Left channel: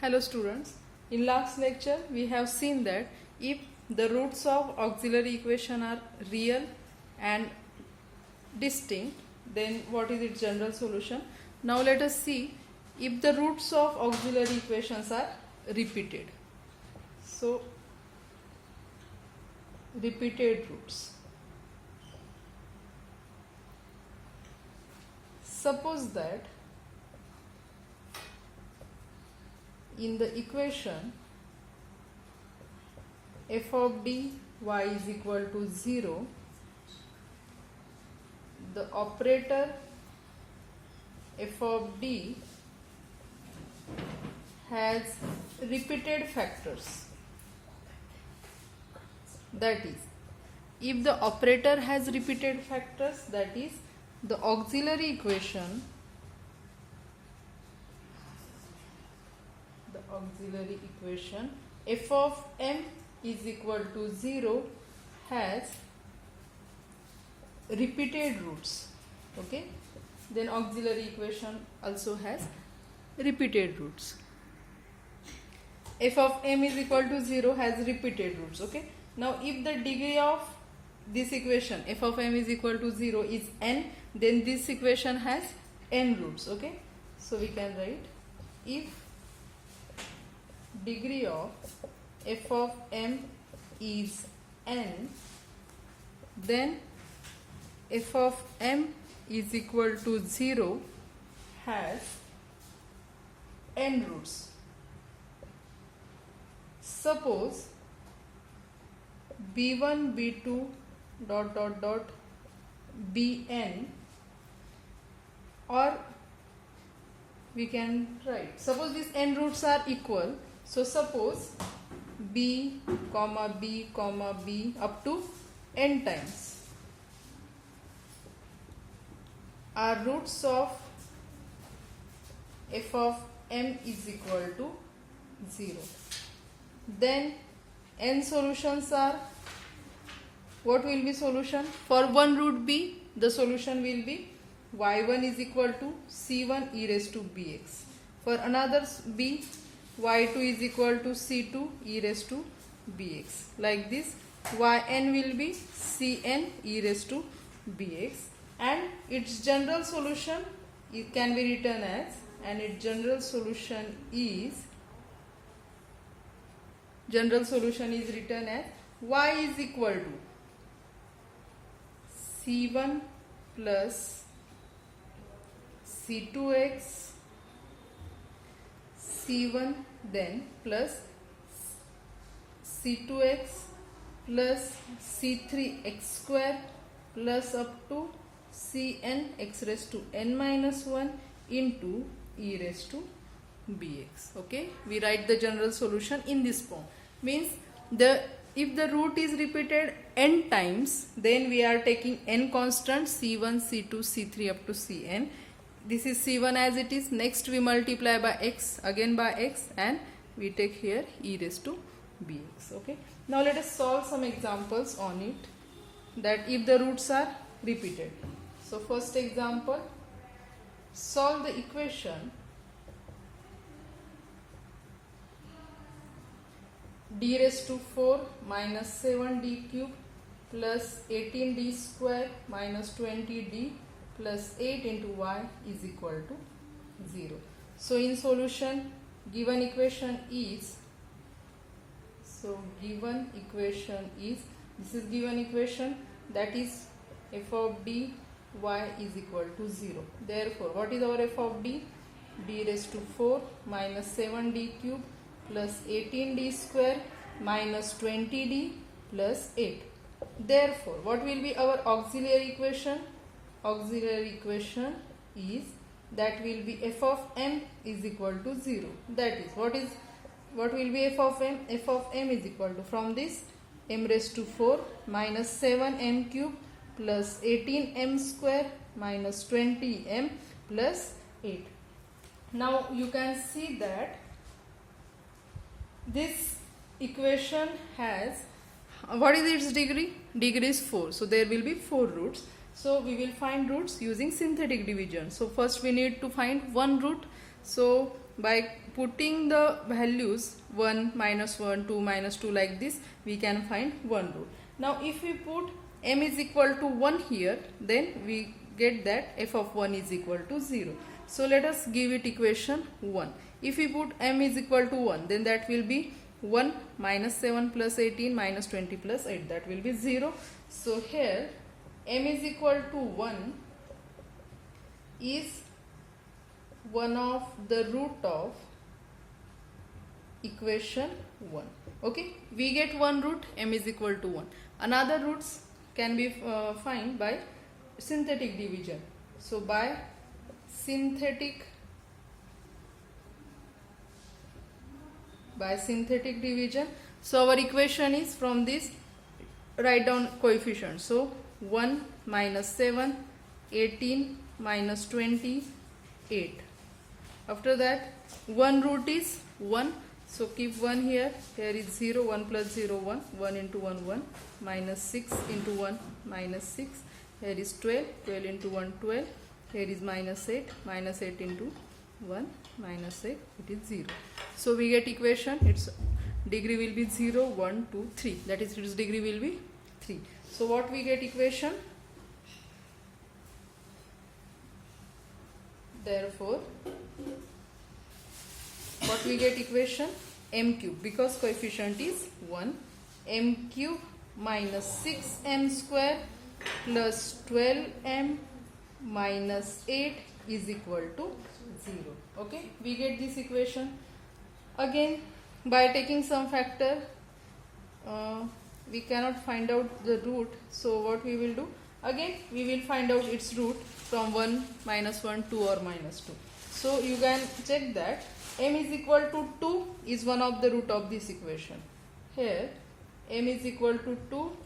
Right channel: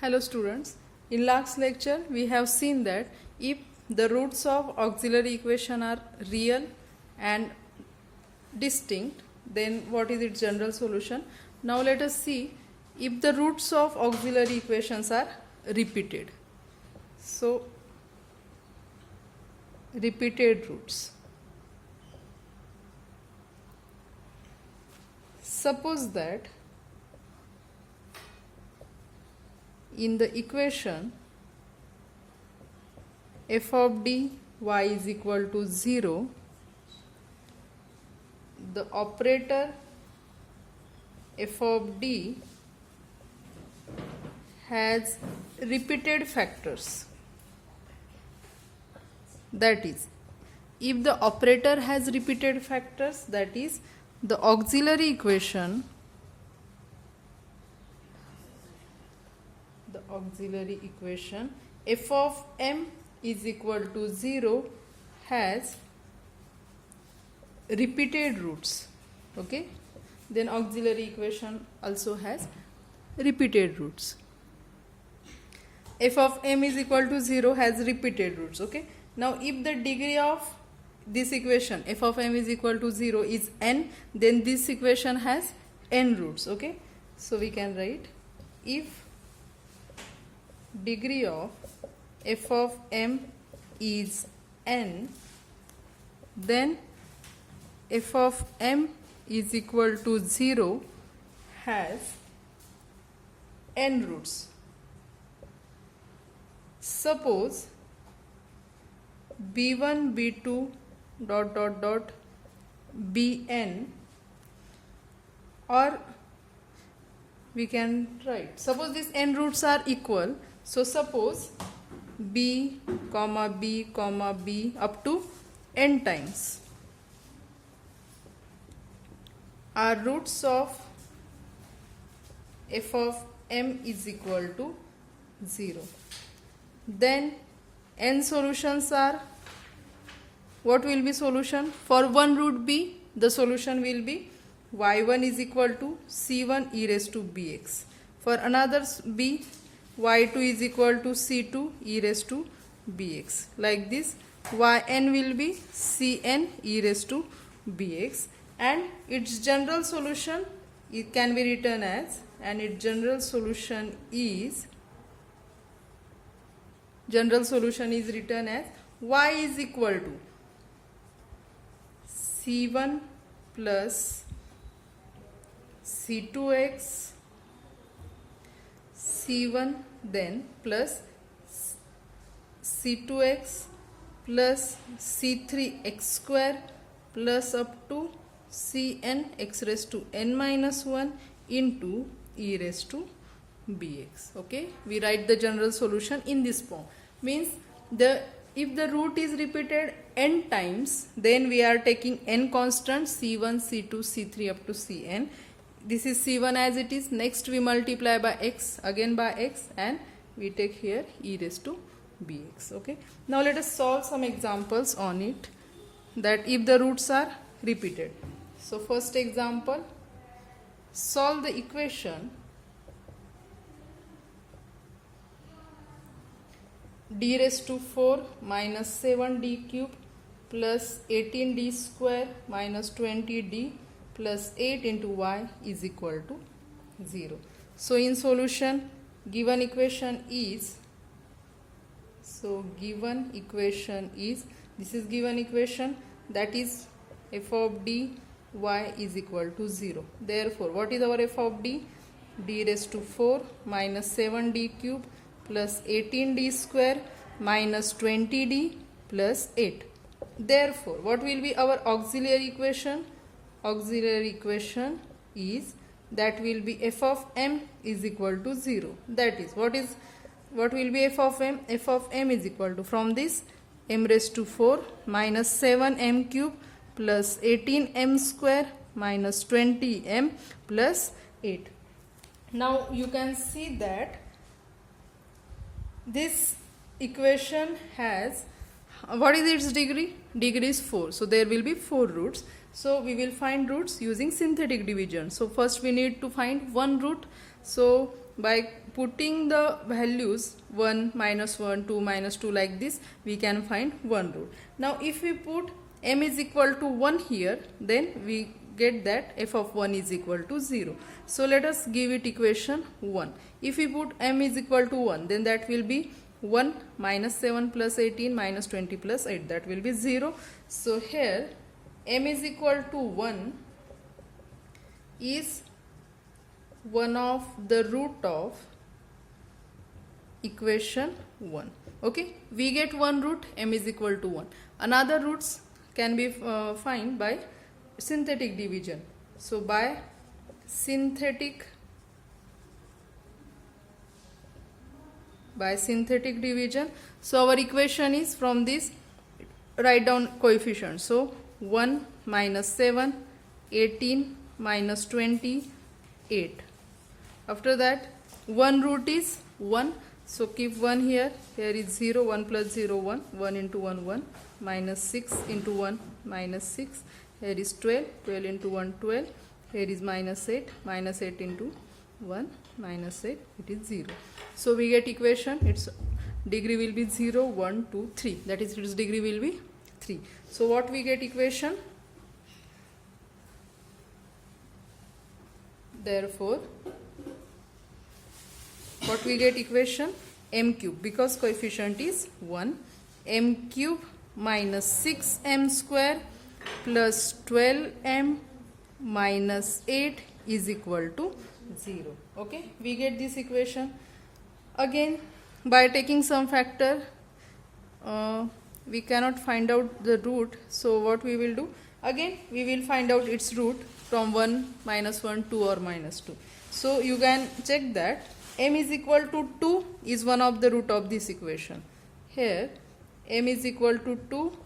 Hello students, in last lecture we have seen that if the roots of auxiliary equation are real and distinct, then what is its general solution. Now let us see if the roots of auxiliary equations are repeated. So repeated roots. Suppose that in the equation f of d y is equal to 0, the operator f of d has repeated factors. That is, if the operator has repeated factors, that is, the auxiliary equation f of m is equal to 0 has repeated roots. Okay, then auxiliary equation also has repeated roots. F of m is equal to 0 has repeated roots. Okay, now if the degree of this equation f of m is equal to 0 is n, then this equation has n roots. Okay, so we can write if degree of f of m is n, then f of m is equal to 0 has n roots. Suppose b1 b2 dot dot dot bn, or we can write, suppose these n roots are equal. So suppose b comma b comma b up to n times are roots of f of m is equal to 0. Then n solutions are, what will be solution? For one root b, the solution will be y1 is equal to c1 e raised to bx. For another b, y2 is equal to c2 e raised to bx. Like this, yn will be cn e raised to bx, and its general solution, it can be written as, and its general solution is written as y is equal to c1 plus c2x c1 then plus c2x plus c3x square plus up to cn x raised to n minus 1 into e raised to bx. Okay, we write the general solution in this form. Means if the root is repeated n times, then we are taking n constants c1, c2, c3 up to cn. This is c1 as it is. Next we multiply by x, again by x, and we take here e raised to bx. Okay, now let us solve some examples on it, that if the roots are repeated. So first example, solve the equation d raised to 4 minus 7d cube plus 18d square minus 20d plus 8 into y is equal to 0. So in solution, given equation is, this is given equation, that is f of d y is equal to 0. Therefore, what is our f of d? d raised to 4 minus 7d cube plus 18d square minus 20d plus 8. Therefore, what will be our auxiliary equation? Auxiliary equation is, that will be f of m is equal to 0. That is, what will be f of m? F of m is equal to, from this, m raised to 4 minus 7m cube plus 18m square minus 20m plus 8. Now you can see that this equation has, what is its degree? Degree is 4. So there will be 4 roots. So we will find roots using synthetic division. So first we need to find one root. So by putting the values 1, -1, 2, -2 like this, we can find one root. Now if we put m is equal to 1 here, then we get that f of 1 is equal to 0. So let us give it equation 1. If we put m is equal to 1, then that will be 1 minus 7 plus 18 minus 20 plus 8, that will be 0. So here m is equal to 1 is one of the root of equation 1. Okay, we get one root, m is equal to 1. Another roots can be found by synthetic division. So by synthetic division, so our equation is from this, write down coefficients. So 1 minus 7, 18 minus 20, 8. After that, one root is 1. So keep 1 here. Here is 0, 1 plus 0, 1. 1 into 1, 1. Minus 6 into 1, minus 6. Here is 12. 12 into 1, 12. Here is minus 8. Minus 8 into 1, minus 8. It is 0. So we get equation. Its degree will be 0, 1, 2, 3. That is, its degree will be 3. So what we get equation? Therefore, what we get equation? M cube, because coefficient is 1. M cube minus 6m square plus 12m minus 8 is equal to 0. Okay, we get this equation. Again, by taking some factor, we cannot find out the root. So what we will do? Again, we will find out its root from 1, -1, 2 or -2. So you can check that m is equal to 2 is one of the root of this equation. Here m is equal to 2.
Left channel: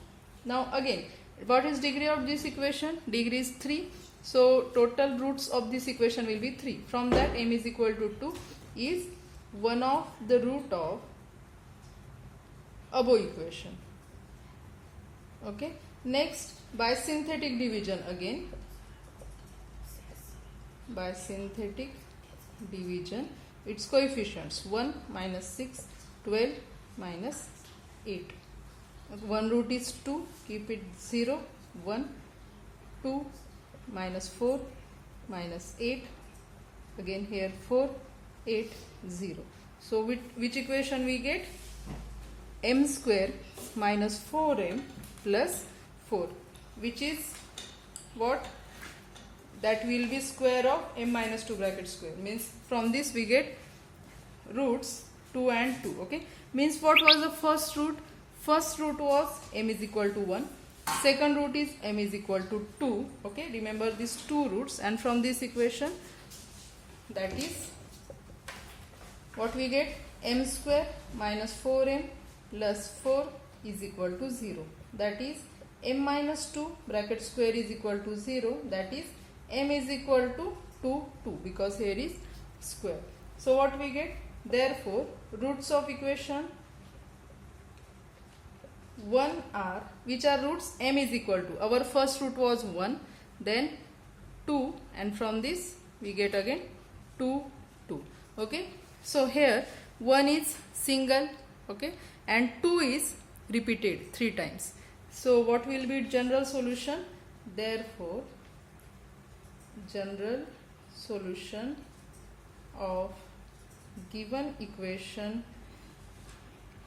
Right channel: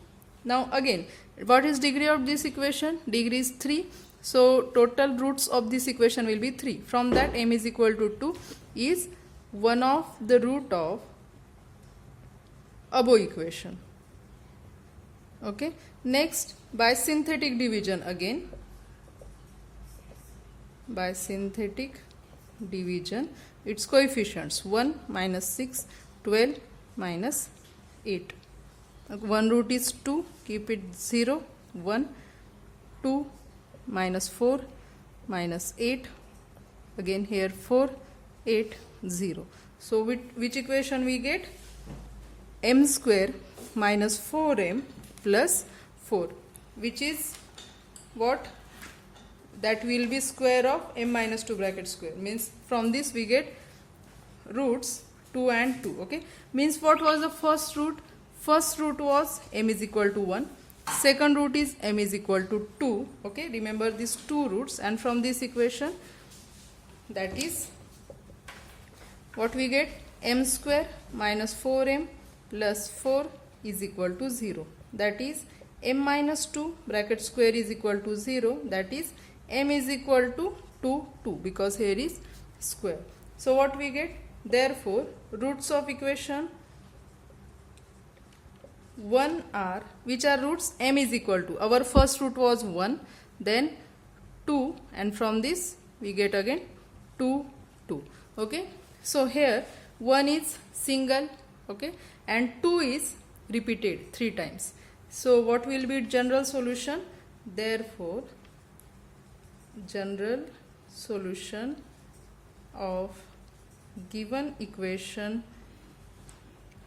Now again, what is degree of this equation? Degree is 3. So total roots of this equation will be 3. From that, m is equal to 2 is one of the root of above equation. Okay. Next, by synthetic division again. By synthetic division, its coefficients 1 minus 6, 12 minus 8. One root is 2, keep it 0, 1, 2 minus 4 minus 8, again here 4, 8, 0. So which equation we get? M square minus 4m plus 4, which is what? That will be square of m minus 2 bracket square. Means from this we get roots 2 and 2. Okay. Means what was the first root? First root was m is equal to 1. Second root is m is equal to 2. Okay. Remember these two roots, and from this equation, that is what we get? M square minus 4m plus 4 is equal to 0. That is m minus 2 bracket square is equal to 0. That is m is equal to 2, 2, because here is square. So what we get? Therefore, roots of equation 1 are, which are roots? M is equal to, our first root was 1, then 2, and from this we get again 2, 2. Okay. So here 1 is single, okay, and 2 is repeated 3 times. So what will be general solution? Therefore, general solution of given equation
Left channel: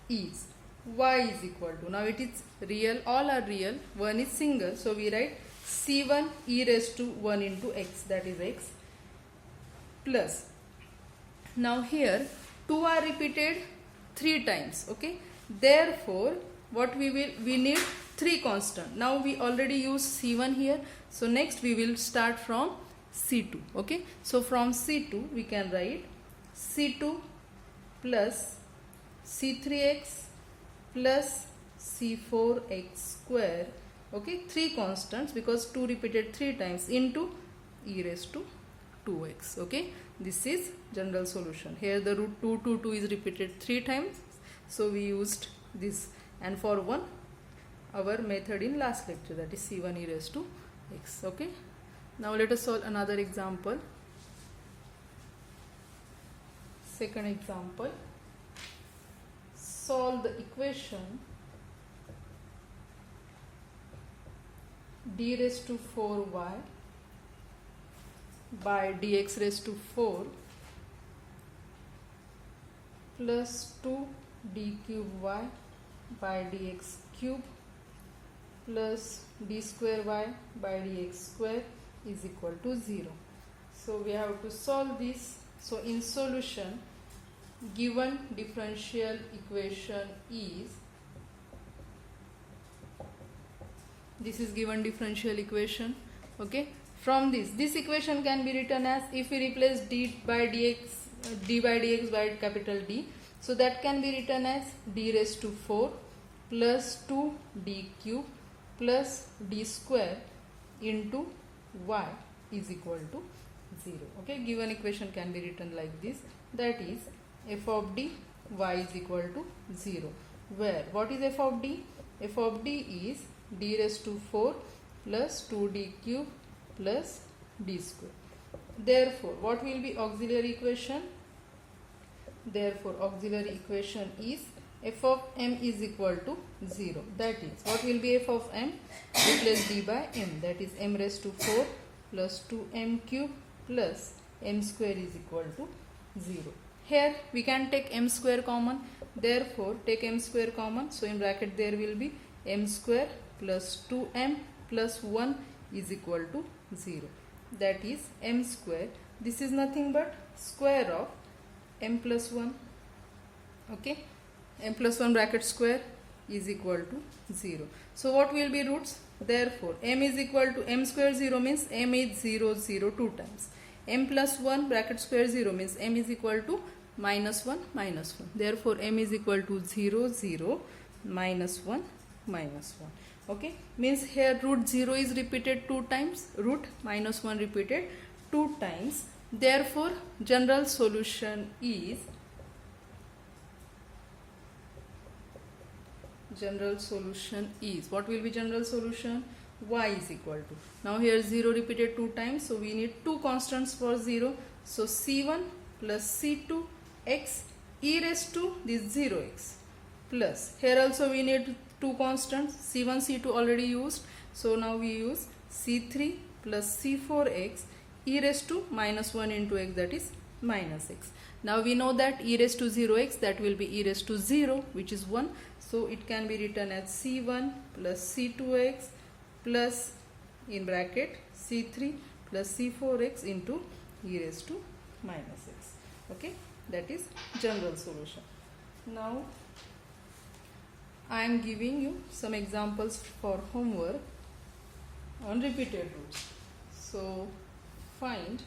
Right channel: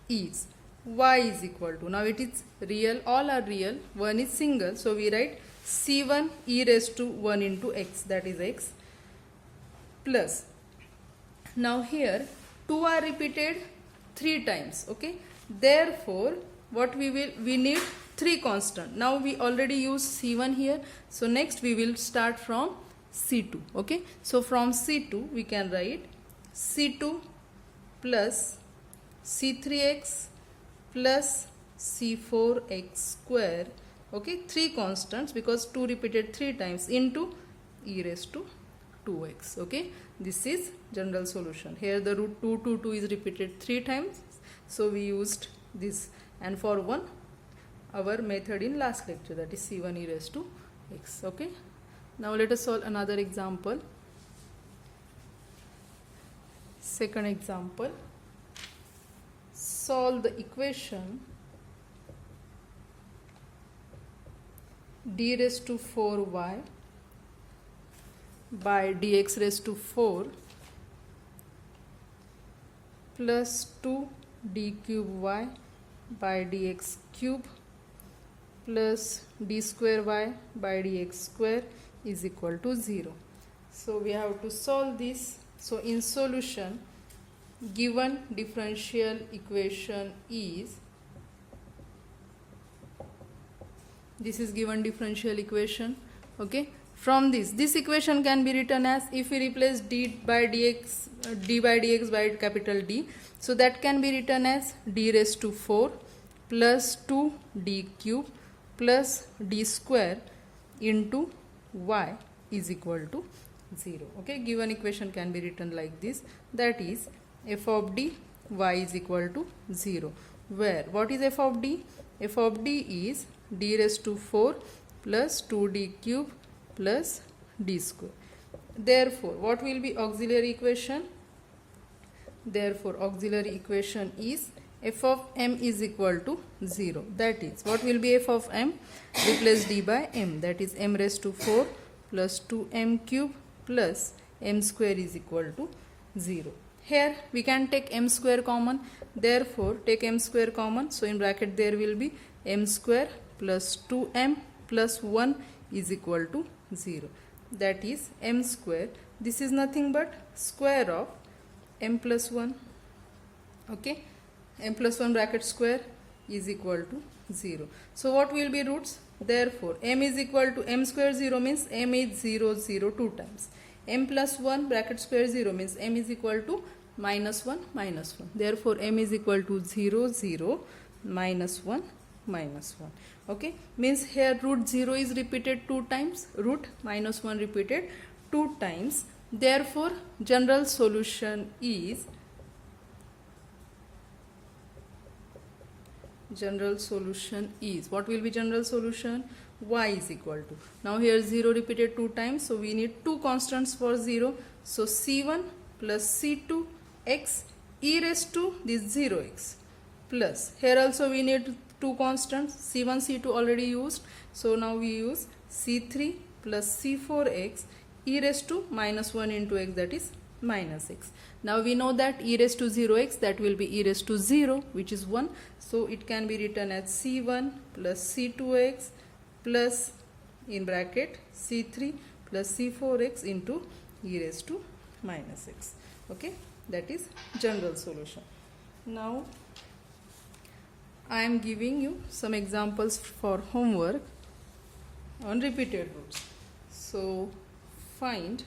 is y is equal to, now it is real, all are real, 1 is single, so we write c1 e raised to 1 into x, that is x, plus, now here 2 are repeated 3 times. Okay, therefore what we need 3 constant. Now we already use c1 here, so next we will start from c2. Okay, so from c2 we can write c2 plus c3x plus c4x square. Okay, 3 constants because 2 repeated 3 times into e raised to 2x. Okay, this is general solution. Here the root 2 to 2 is repeated 3 times, so we used this, and for 1 our method in last lecture, that is c1 e raised to x. Okay, now let us solve another example. Second example, solve the equation d raised to 4y by dx raised to 4 plus 2 d cube y by dx cube plus d square y by dx square is equal to 0. So we have to solve this. So in solution, given differential equation is, this is given differential equation, okay. From this equation can be written as, if we replace d by dx by capital D, so that can be written as d raised to 4 plus 2 d cube plus d square into y is equal to 0. Okay, given equation can be written like this, that is f of d y is equal to 0, where what is f of d? F of d is d raised to 4 plus 2d cube plus d square. Therefore, what will be auxiliary equation? Therefore, auxiliary equation is f of m is equal to 0. That is, what will be f of m? Replace d by m, that is m raised to 4 plus 2m cube plus m square is equal to 0. Here we can take m square common, therefore take m square common, so in bracket there will be m square plus 2m plus 1 is equal to 0. That is m square, this is nothing but square of m plus 1, okay, m plus 1 bracket square is equal to 0. So what will be roots? Therefore m is equal to m square 0 means m is 0 0 2 times, m plus 1 bracket square 0 means m is equal to minus 1 minus 1. Therefore m is equal to 0 0 minus 1 minus 1. Okay, means here root 0 is repeated 2 times, root minus 1 repeated 2 times. Therefore general solution is, what will be general solution? Y is equal to, now here 0 repeated 2 times, so we need 2 constants for 0, so c1 plus c2 x e raised to this 0x plus, here also we need 2 constants, c1 c2 already used, so now we use c3 plus c4x e raised to minus 1 into x, that is minus x. Now we know that e raised to 0x, that will be e raised to 0, which is 1, so it can be written as c1 plus c2x plus in bracket c3 plus c4x into e raised to minus x. Okay, that is general solution. Now I am giving you some examples for homework on repeated roots. So find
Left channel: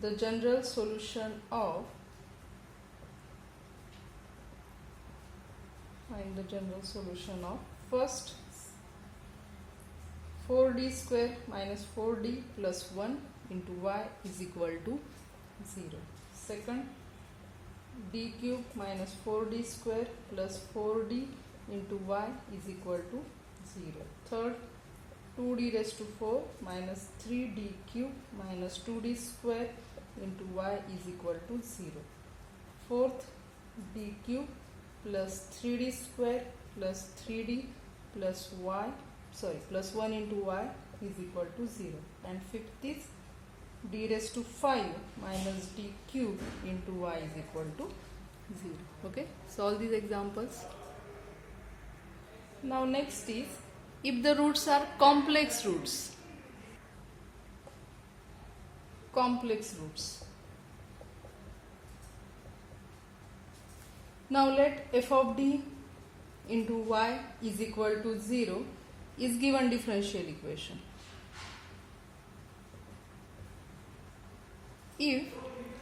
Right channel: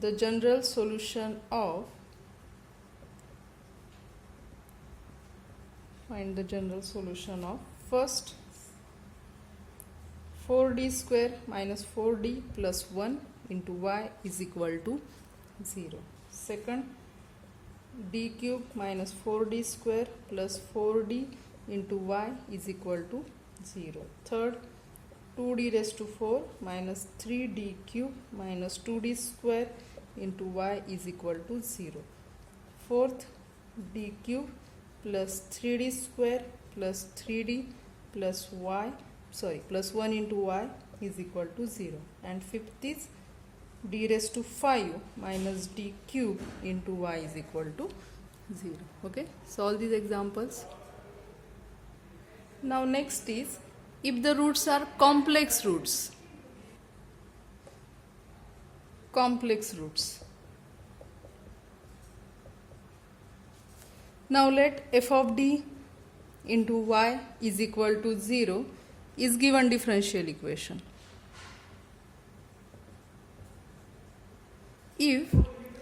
the general solution of first 4d square minus 4d plus 1 into y is equal to 0. Second, d cube minus 4d square plus 4d into y is equal to 0. Third, 2d raised to 4 minus 3d cube minus 2d square into y is equal to 0. Fourth, d cube plus 3d square plus 3d plus y, plus 1 into y is equal to 0. And fifth is d raised to 5 minus d cube into y is equal to 0. Okay, solve these examples. Now next is, if the roots are complex roots. Now let f of d into y is equal to 0 is given differential equation. If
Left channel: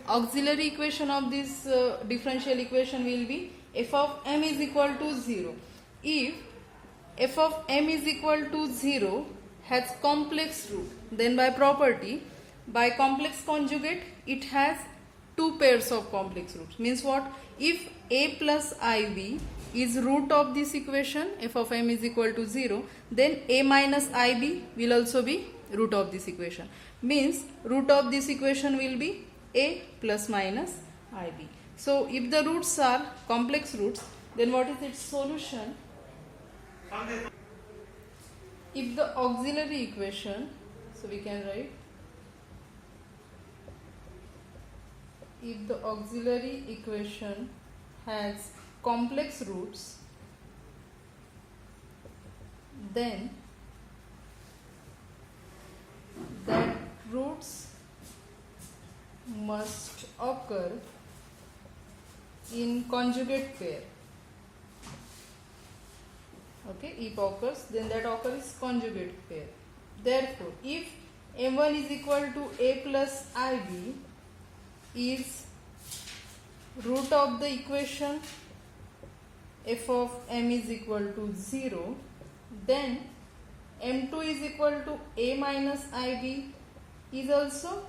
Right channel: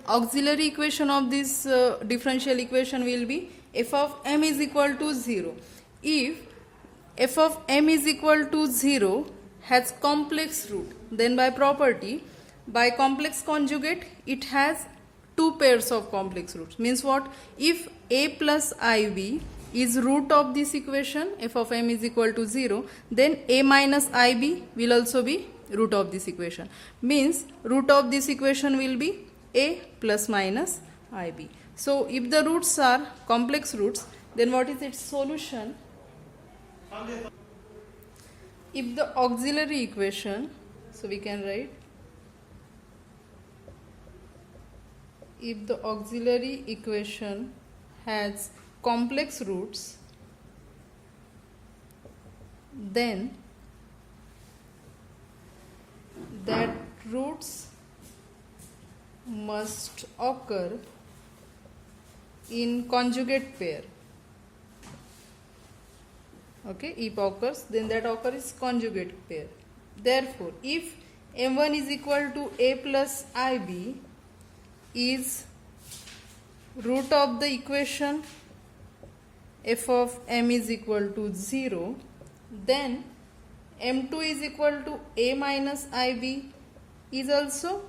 auxiliary equation of this differential equation will be f of m is equal to 0. If f of m is equal to 0 has complex root, then by property, by complex conjugate, it has 2 pairs of complex roots. Means what? If a plus ib is root of this equation, f of m is equal to 0, then a minus ib will also be root of this equation. Means root of this equation will be a plus minus ib. So if the roots are complex roots, then what is its solution? If the auxiliary equation, so we can write, if the auxiliary equation has complex roots, then that roots must occur in conjugate pair. Okay, if occurs, then that occurs conjugate pair. Therefore, if m1 is equal to a plus ib is root of the equation f of m is equal to 0, then m2 is equal to a minus ib is also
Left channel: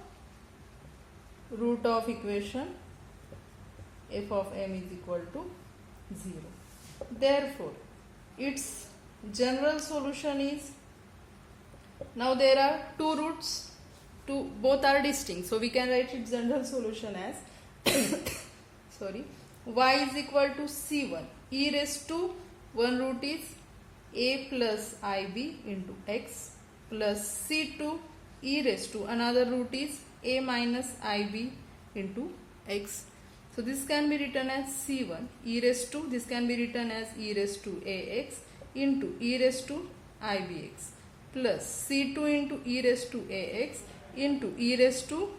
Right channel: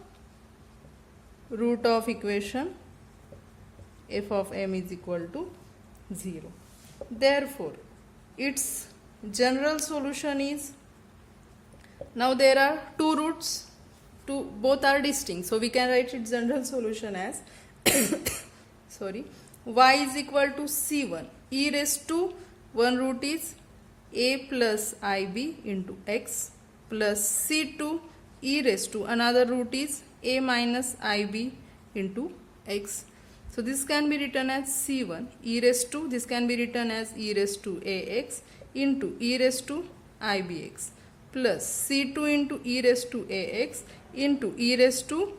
root of equation f of m is equal to 0. Therefore, its general solution is, now there are two roots, both are distinct, so we can write its general solution as y is equal to c1 e raised to one root is a plus ib into x plus c2 e raised to another root is a minus ib into x. So this can be written as c1 e raised to, this can be written as e raised to ax into e raised to ibx plus c2 into e raised to ax into e raised to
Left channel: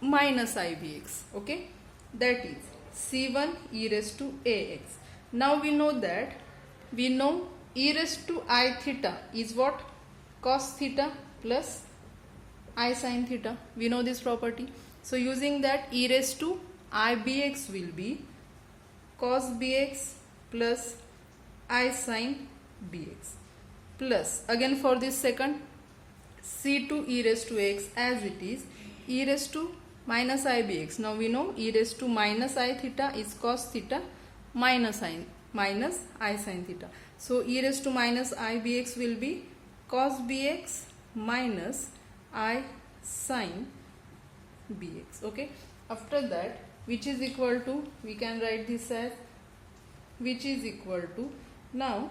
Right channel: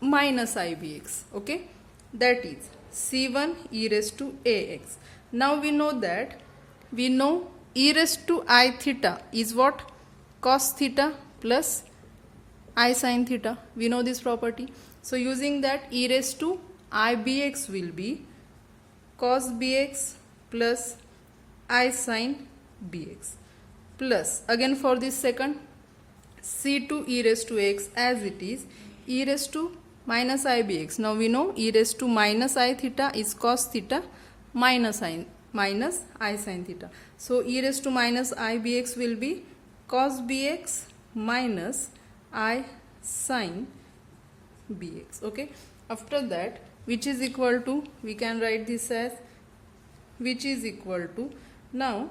minus ibx. Okay, that is c1 e raised to ax. Now we know e raised to I theta is what? Cos theta plus I sin theta. We know this property. So using that, e raised to ibx will be cos bx plus I sin bx plus, again for this second, c2 e raised to x as it is e raised to minus ibx. Now we know e raised to minus I theta is cos theta minus I sin theta. So e raised to minus ibx will be cos bx minus I sin bx. Okay, after that, which is equal to, we can write this as which is equal to, now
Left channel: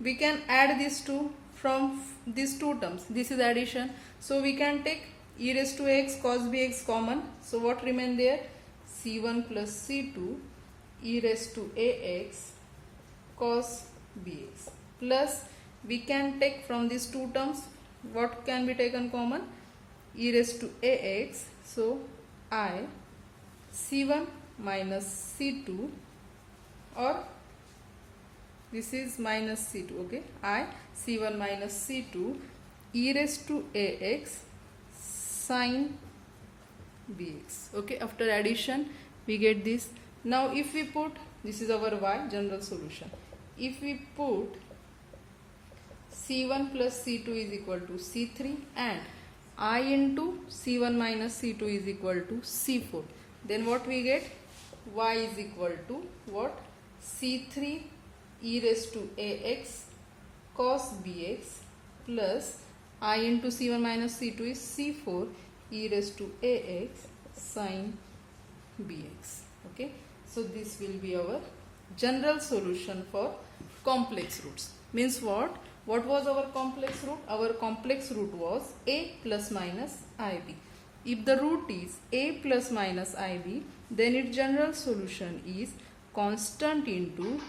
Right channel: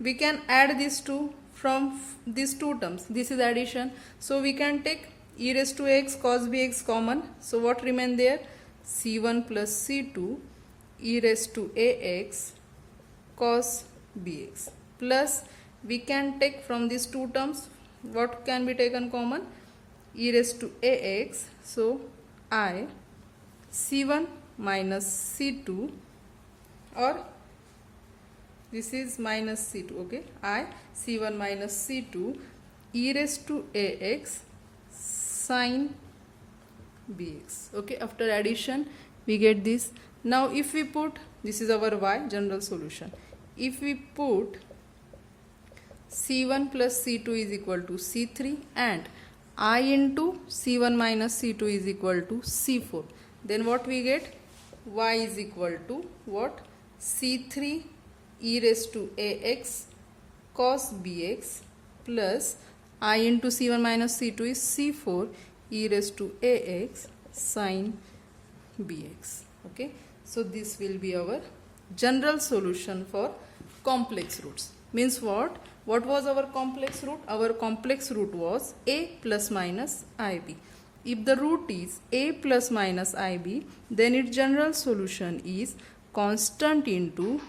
we can add these two from these two terms. This is addition, so we can take e raised to x cos bx common. So what remain there? c1 plus c2 e raised to ax cos bx plus, we can take from these two terms, what can be taken common? E raised to ax, so I c1 minus c2, or this is minus c2, okay, I c1 minus c2 e raised to ax sin bx. Okay, after addition we get this. Now if we put, this is our y general solution, if we put c1 plus c2 is equal to c3 and I into c1 minus c2 is equal to c4, then what we get? Y is equal to what? c3 e raised to ax cos bx plus I into c1 minus c2 is c4 e raised to ax sin bx. Okay, so this will be our general solution for complex roots. Means what? What was our complex root? Our complex root was a plus minus ib. If the root is a plus minus ib, then its general solution is constant into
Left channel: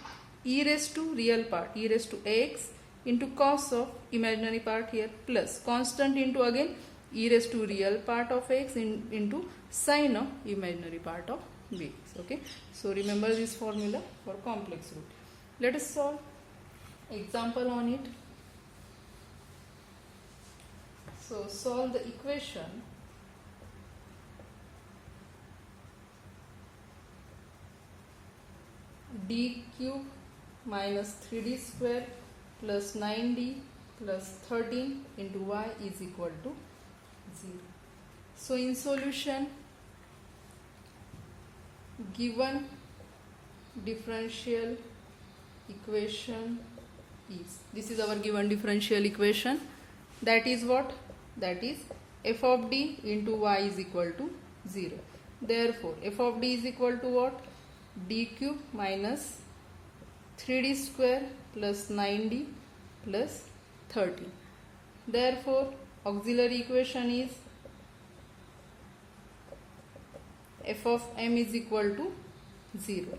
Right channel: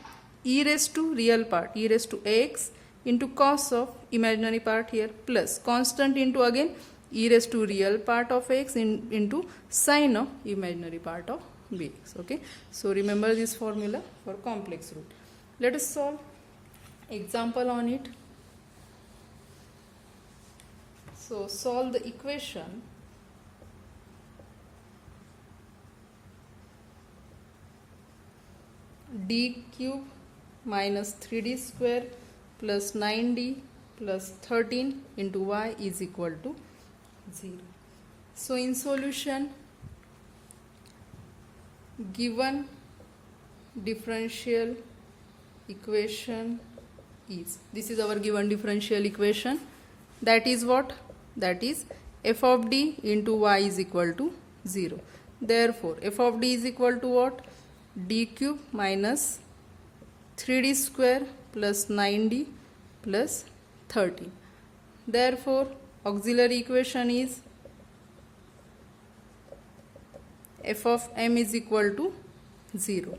e raised to real part, e raised to ax into cos of imaginary part here, plus constant into again e raised to real part of x into sin of imaginary part of bx. Okay, so remember this formula for complex root. Let us solve example on it. So solve the equation d cube minus 3d square plus 9d plus 13 into y is equal to 0. So in solution, given differential equation is, this is our given differential equation, that is what? That is f of d into y is equal to 0. Therefore, f of d is equal to what? D cube minus 3d square plus 9d plus 13. Therefore, auxiliary equation is f of m is equal to 0.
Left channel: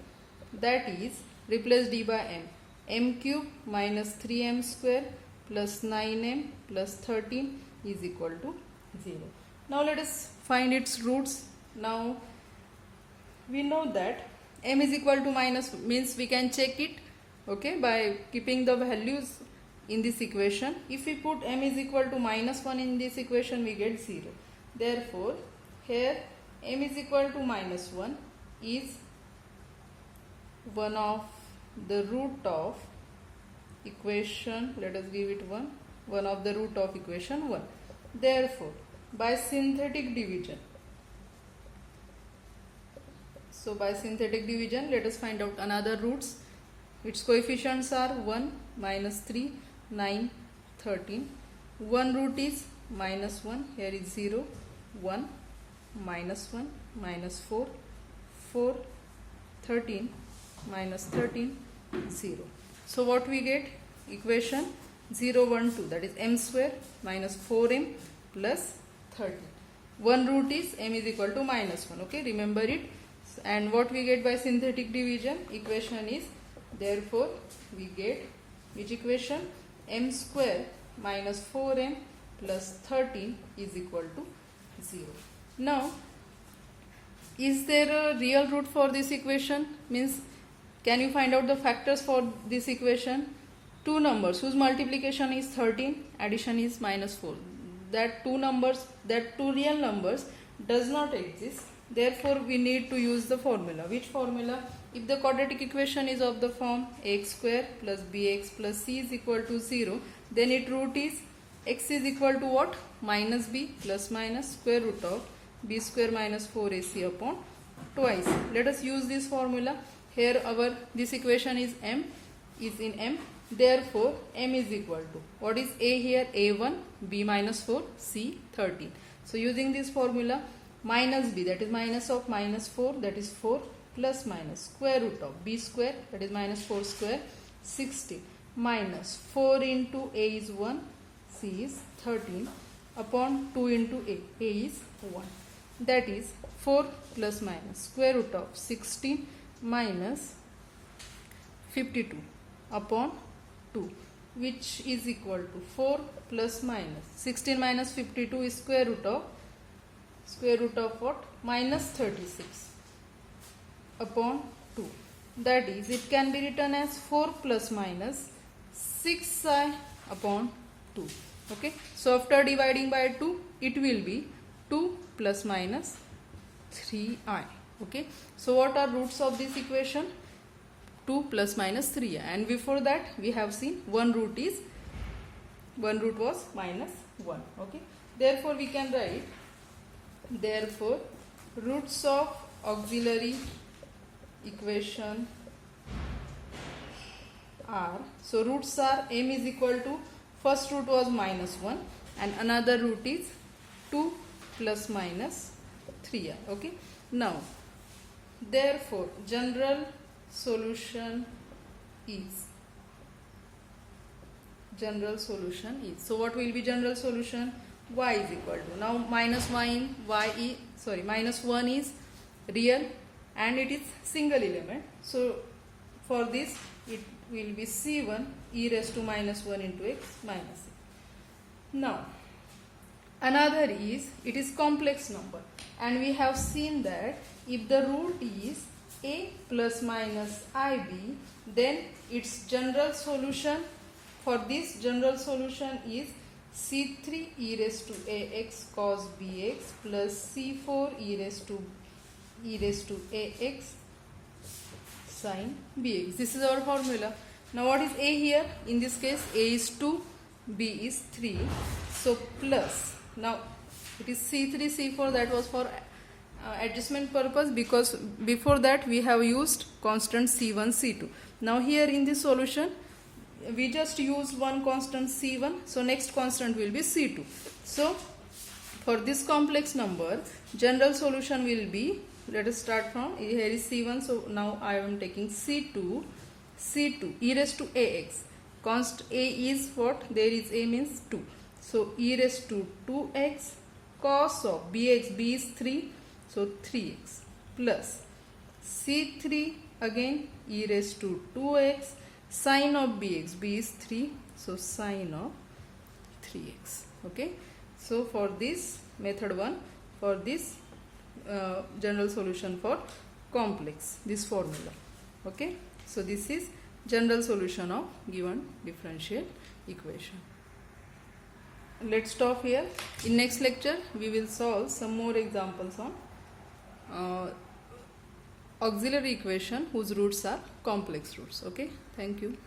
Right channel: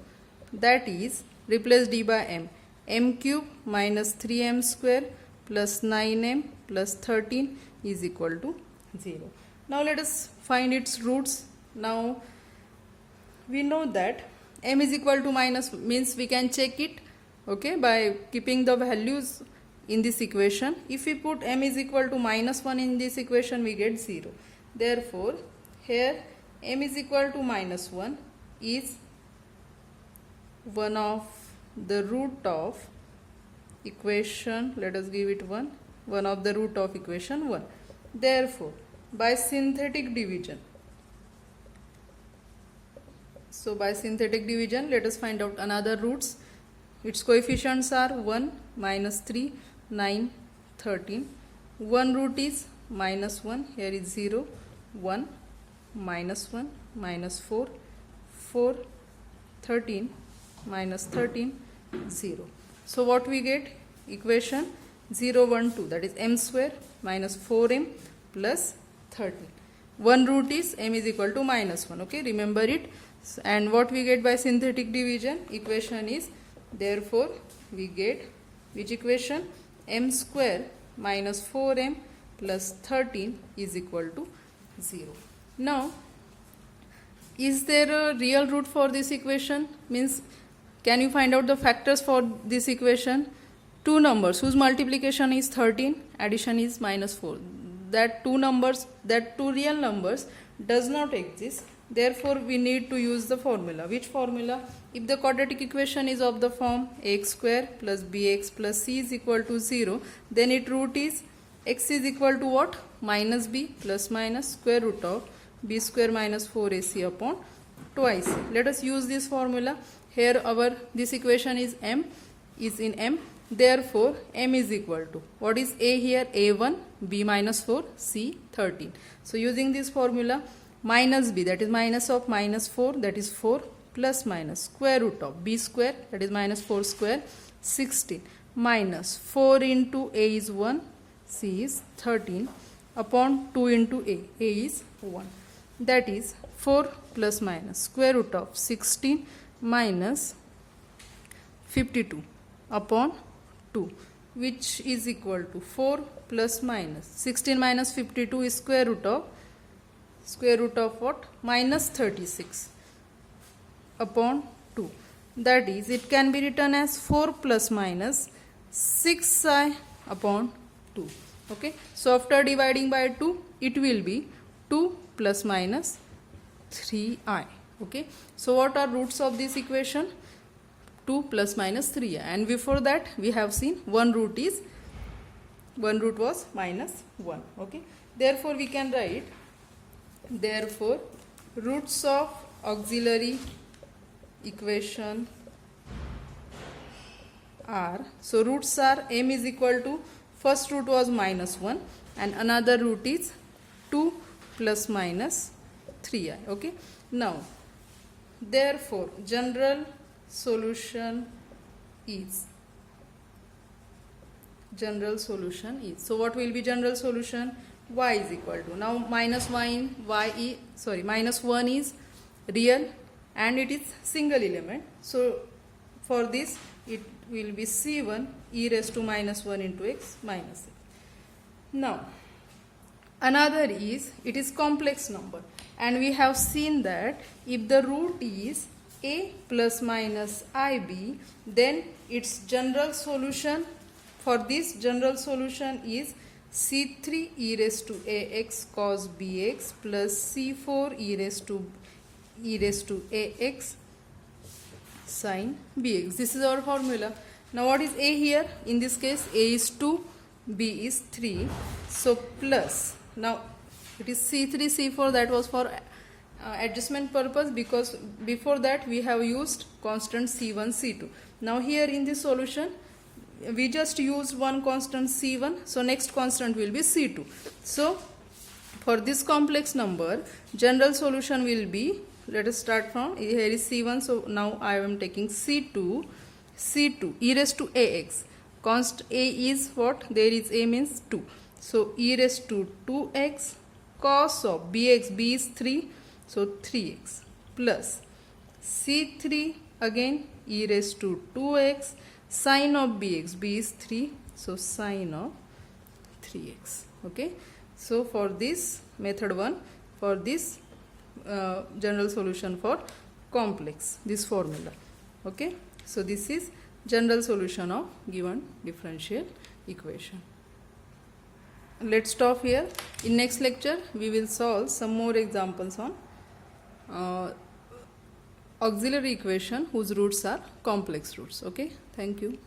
That is, replace d by m cube minus 3m square plus 9m plus 13 is equal to 0. Now let us find its roots. Now we know that m is equal to minus means we can check it, okay, by keeping the values in this equation. If we put m is equal to minus 1 in this equation, we get 0. Therefore, here m is equal to minus 1 is one of the root of equation, let us give it 1 of the root of equation 1. Therefore, by synthetic division, let us find out another roots. Its coefficients are 1, minus 3, 9, 13. One root is minus 1, here is 0, 1, minus 1, minus 4, 4, 13, minus 13, 0. So what we get? Equation 0, 1, 2, that is m square minus 4m plus 13. One root is m is equal to minus 1, okay, remember it. And what we get by synthetic division? Equation is, therefore we get which equation? M square minus 4m plus 13 is equal to 0. Now, is there a real root for this equation? Means, can you find out the factors for this equation? Two numbers whose multiplication is 13, addition is minus 4. That two real numbers does not exist. Therefore, we need to use the formula. Which formula? If the quadratic equation is of the form x square plus bx plus c is equal to 0, then its root is x is equal to what? Minus b plus minus square root of b square minus 4ac upon twice. Let us use this formula. Here this equation is m, is in m. Therefore, m is equal to, what is a here? A1, b minus 4, c 13. So, using this formula, minus b, that is minus of minus 4, that is 4, plus minus square root of b square, that is minus 4 square, 16, minus 4 into a is 1, c is 13, upon 2 into a is 1. That is 4 plus minus square root of 16 minus 52 upon 2, which is equal to 4 plus minus 16 minus 52 is square root of what? Minus 36 upon 2. That is, it can be written as 4 plus minus 6i upon 2. Okay. So, after dividing by 2, it will be 2 plus minus 3i. Okay. So, what are roots of this equation? 2 plus minus 3i. And before that, we have seen one root was minus 1. Okay. Therefore, we can write, therefore, roots of auxiliary equation are, so roots are m is equal to, first root was minus 1 and another root is 2 plus minus 3i. Okay. Now, therefore, general solution is, so what will be general solution? Y is equal to, now minus 1 is real and it is single element. So, for this it will be c1 e raised to minus 1 into x minus a. Now, another is, it is complex number, and we have seen that if the root is a plus minus ib, then its general solution, for this general solution is c3 e raised to ax cos bx plus c4 e raised to ax sin bx. This is our formula. Now, what is a here? In this case, a is 2, b is 3. So, plus, now it is c3, c4, that was for adjustment purpose, because before that we have used constant c1, c2. Now, here in this solution, we just use one constant c1, so next constant will be c2. So, For this complex number, general solution will be, let us start from, here is C1, so now I am taking C2, e raised to ax. Const a is what? There is a means 2. So e raised to 2x cos of bx, b is 3, so 3x plus C3 again e raised to 2x sin of bx, b is 3, so sin of 3x. Okay, so for this method 1, for this general solution for complex, this formula. Okay, so this is general solution of given differential equation. Let's stop here. In next lecture we will solve some more examples on auxiliary equation whose roots are complex roots. Okay, thank you.